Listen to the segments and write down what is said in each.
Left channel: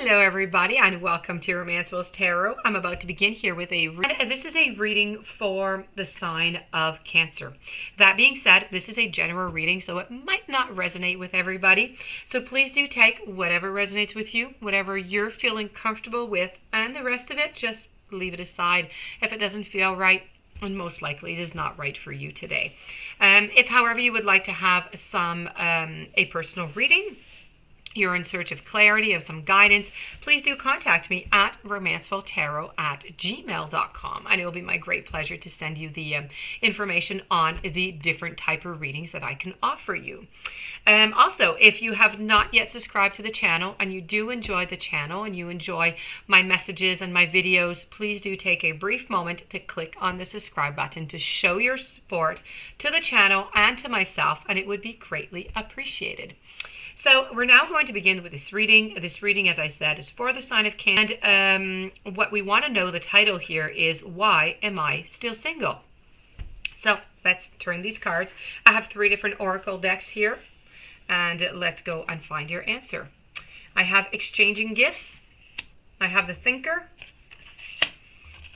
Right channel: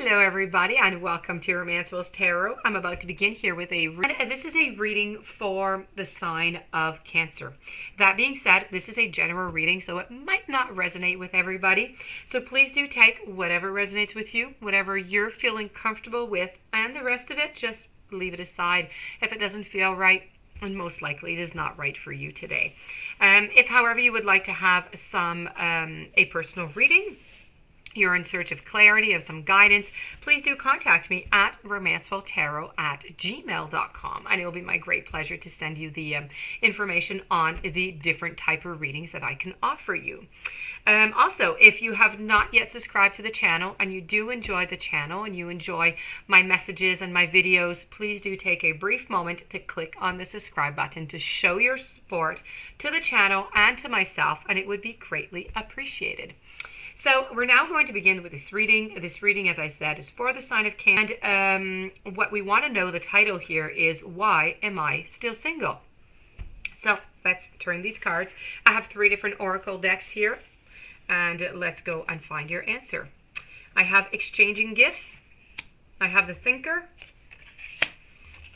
Hello everybody and welcome to Romancefull's Tarot. I'm about to begin here with this is a reading for the sign of Cancer. That being said, this is a general reading, so it might not resonate with everybody. So please do take whatever resonates with you, whatever you're feeling comfortable with, and the rest of it, just leave it aside if it doesn't feel right, and most likely it is not right for you today. If, however, you would like to have a personal reading, you're in search of clarity, of some guidance, please do contact me at romancefulltarot@gmail.com, and it will be my great pleasure to send you the information on the different type of readings that I can offer you. Also, if you have not yet subscribed to the channel and you do enjoy the channel and you enjoy my messages and my videos, please do take a brief moment to click on the subscribe button to show your support to the channel and to myself, and it would be greatly appreciated. So we're now going to begin with this reading. This reading, as I said, is for the sign of Cancer. And what we want to know, the title here is, Why Am I Still Single? So let's turn these cards. I have 3 different oracle decks here, and let's go and find your answer. I have Exchanging Gifts. I have the Thinker.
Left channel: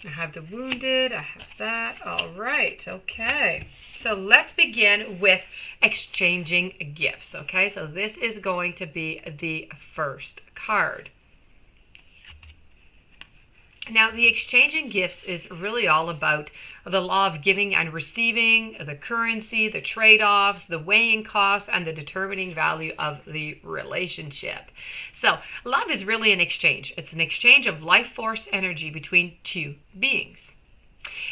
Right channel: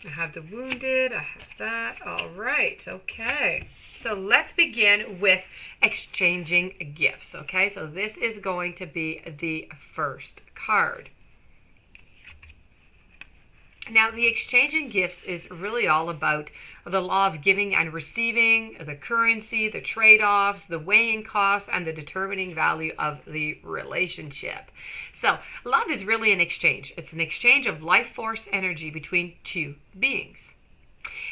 I have the Wounded. I have that. All right. Okay. So let's begin with Exchanging Gifts, okay? So this is going to be the first card. Now, the Exchanging Gifts is really all about the law of giving and receiving, the currency, the trade-offs, the weighing costs, and the determining value of the relationship. So love is really an exchange. It's an exchange of life force energy between two beings.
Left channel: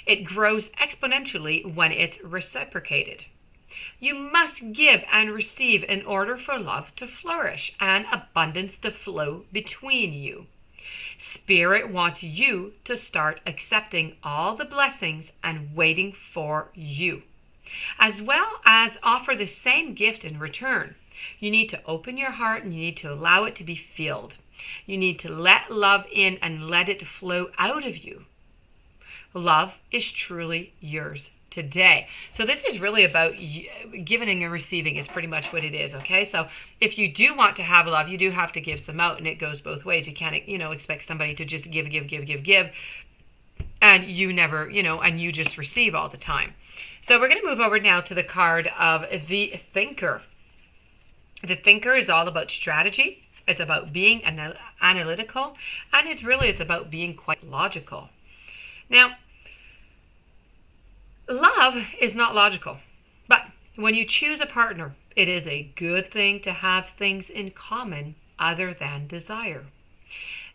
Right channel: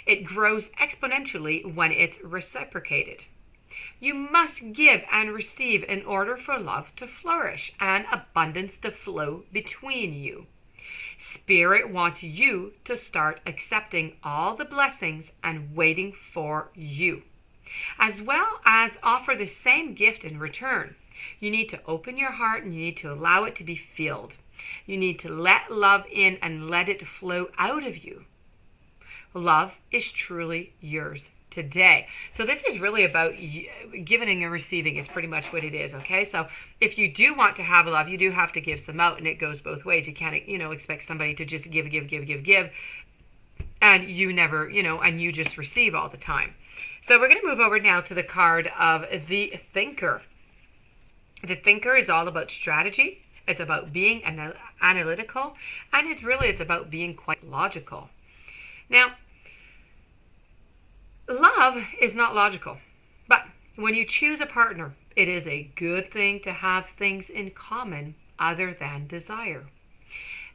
It grows exponentially when it's reciprocated. You must give and receive in order for love to flourish and abundance to flow between you. Spirit wants you to start accepting all the blessings and waiting for you, as well as offer the same gift in return. You need to open your heart and you need to allow it to be filled. You need to let love in and let it flow out of you. Love is truly yours today. So this is really about giving and receiving is pretty much what it is, okay? So if you do want to have love, you do have to give some out, and it goes both ways. You can't, expect somebody to just give, and you never, and you just receive all the time. So we're going to move over now to the card of the Thinker. The Thinker is all about strategy. It's about being analytical, and it's about being quite logical. Now, love is not logical, but when you choose a partner, it is a good thing to have things in common other than desire.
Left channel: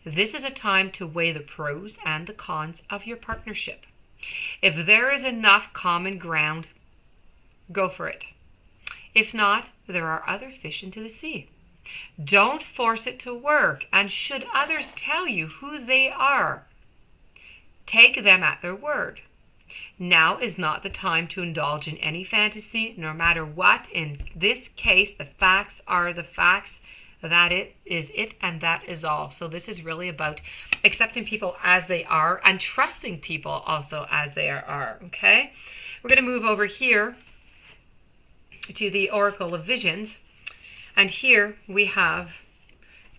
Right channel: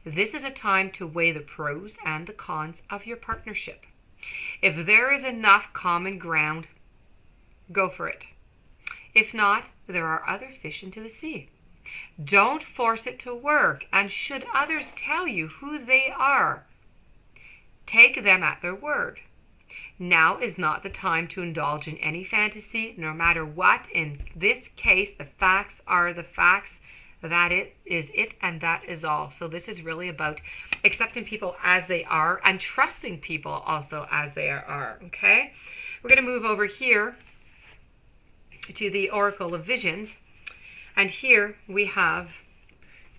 This is a time to weigh the pros and the cons of your partnership. If there is enough common ground, go for it. If not, there are other fish into the sea. Don't force it to work, and should others tell you who they are, take them at their word. Now is not the time to indulge in any fantasy, no matter what. In this case, the facts are the facts. That it is it, and that is all. So this is really about accepting people as they are and trusting people also as they are, okay? We're going to move over here to the Oracle of Visions. And here we have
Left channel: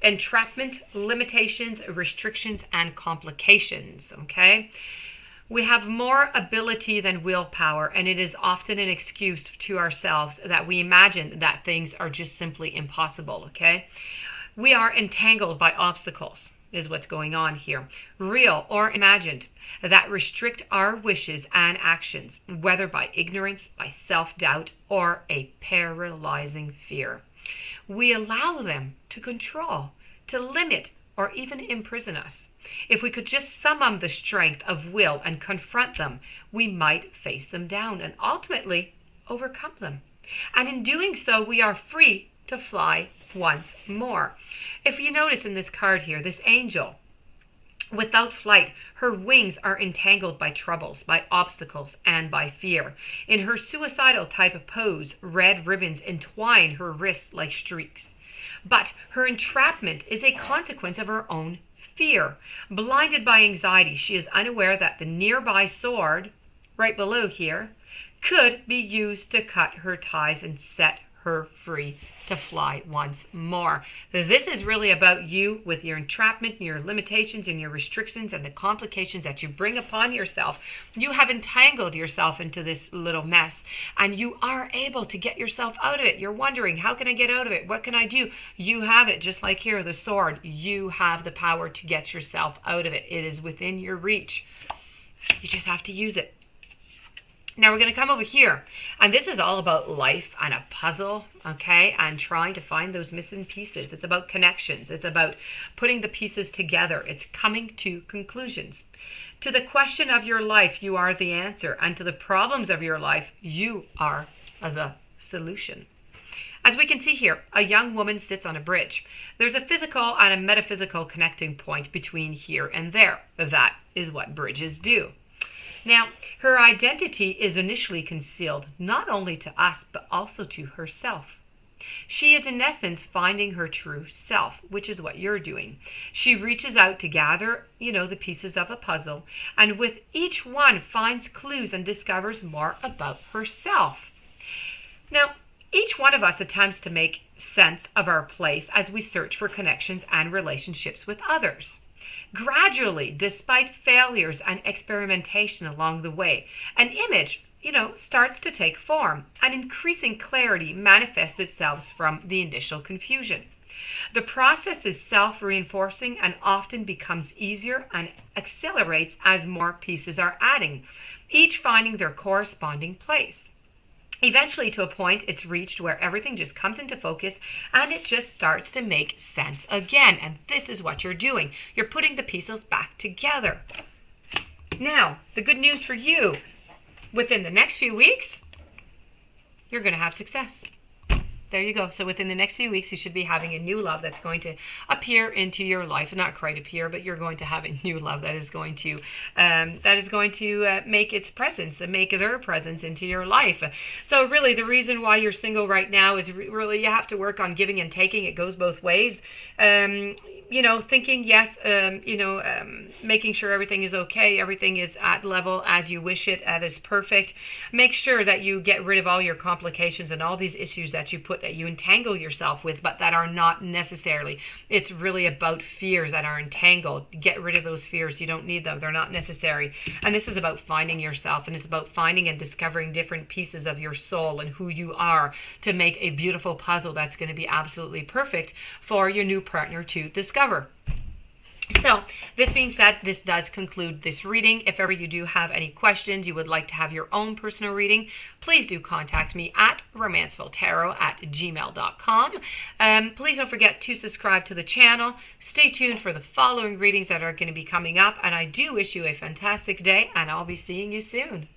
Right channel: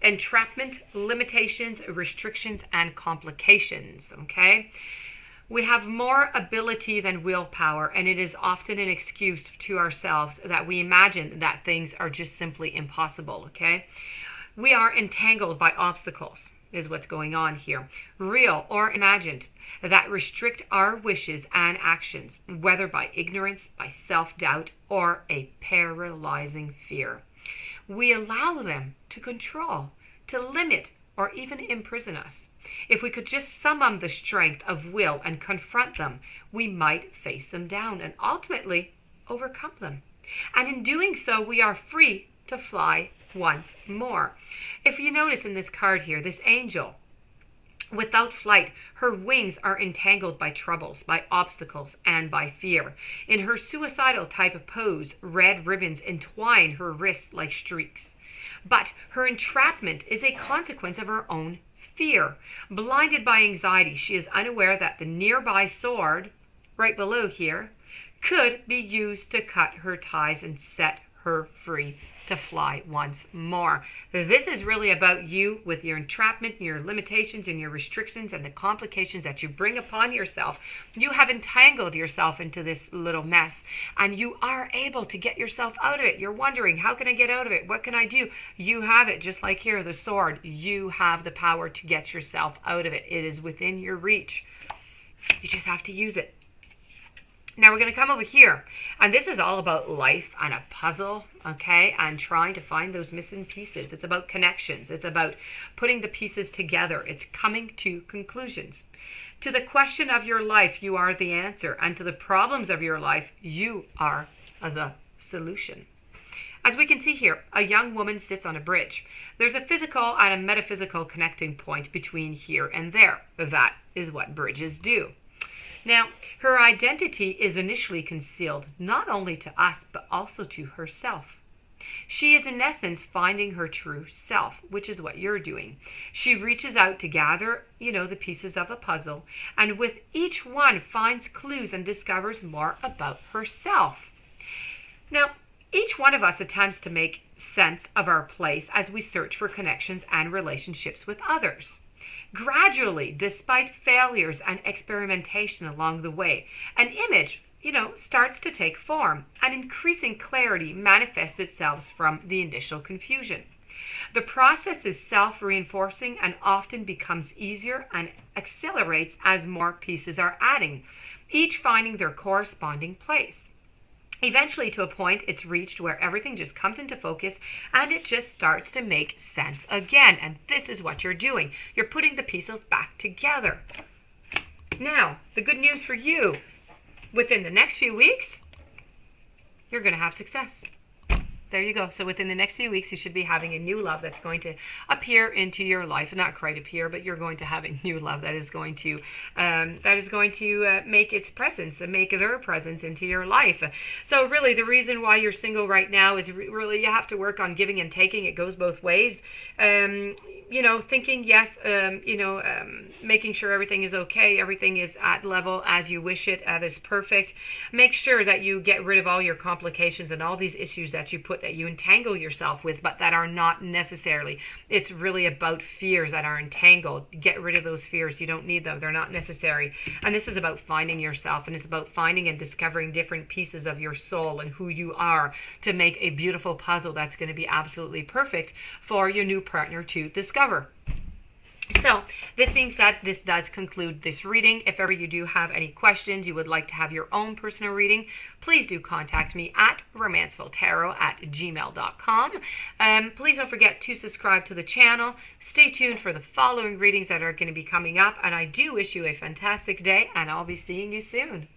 entrapment, limitations, restrictions, and complications, okay? We have more ability than willpower, and it is often an excuse to ourselves that we imagine that things are just simply impossible, okay? We are entangled by obstacles, is what's going on here, real or imagined, that restrict our wishes and actions, whether by ignorance, by self-doubt, or a paralyzing fear. We allow them to control, to limit, or even imprison us. If we could just summon the strength of will and confront them, we might face them down and ultimately overcome them. And in doing so, we are free to fly once more. If you notice in this card here, this angel, without flight, her wings are entangled by troubles, by obstacles, and by fear. In her suicidal type of pose, red ribbons entwine her wrists like streaks. But her entrapment is a consequence of her own fear. Blinded by anxiety, she is unaware that the nearby sword, right below here, could be used to cut her ties and set her free to fly once more. This is really about you with your entrapment, your limitations and your restrictions and the complications that you bring upon yourself. You have entangled yourself into this little mess, and you are able to get yourself out of it. You're wondering, how can I get out of it? What can I do? You have it, just like here, the sword. You have the power to get yourself out of it. It is within your reach. You just have to use it. Now we're going to come over here, and this is all about life and a puzzle, okay, and trying to find those missing pieces. It's about connections. It's about putting the pieces together. It's coming to conclusions. To the question of your life, you are the answer, and to the problems of your life, you are the solution. As we can see here, a young woman sits on a bridge. There's a physical and a metaphysical connecting point between here and there. That is what bridges do. Now, her identity is initially concealed, not only to us, but also to herself. She is in essence finding her true self, which is what you're doing. She reaches out to gather, the pieces of a puzzle, and with each one finds clues and discovers more about herself. Now, each one of us attempts to make sense of our place as we search for connections and relationships with others. Gradually, despite failures and experimentation along the way, an image, starts to take form, and increasing clarity manifests itself from the initial confusion. The process is self-reinforcing and often becomes easier and accelerates as more pieces are adding, each finding their corresponding place. Eventually, to a point, it's reached where everything just comes into focus and it just starts to make sense again. And this is what you're doing. You're putting the pieces back together. Now, the good news for you, within the next few weeks, you're going to have success. There you go. So within the next few weeks, you should be having a new love that's going to appear into your life. Not quite appear, but you're going to have a new love that is going to make its presence and make their presence into your life. So really, the reason why you're single right now is really you have to work on giving and taking. It goes both ways. Thinking yes, making sure everything is okay, everything is at level as you wish it, that is perfect. Make sure that you get rid of all your complications and all these issues that you entangle yourself with, but that are not necessarily. It's really about fears that are entangled. Get rid of those fears. You don't need them. They're not necessary. And this is about finding yourself, and it's about finding and discovering different pieces of your soul and who you are to make a beautiful puzzle that's going to be absolutely perfect for your new partner to discover. So, this being said, this does conclude this reading. If ever you do have any questions, you would like to have your own personal reading, please do contact me at romancefulltarot@gmail.com. Please don't forget to subscribe to the channel. Stay tuned for the following readings that are going to be coming up. And I do wish you a fantastic day, and I'll be seeing you soon.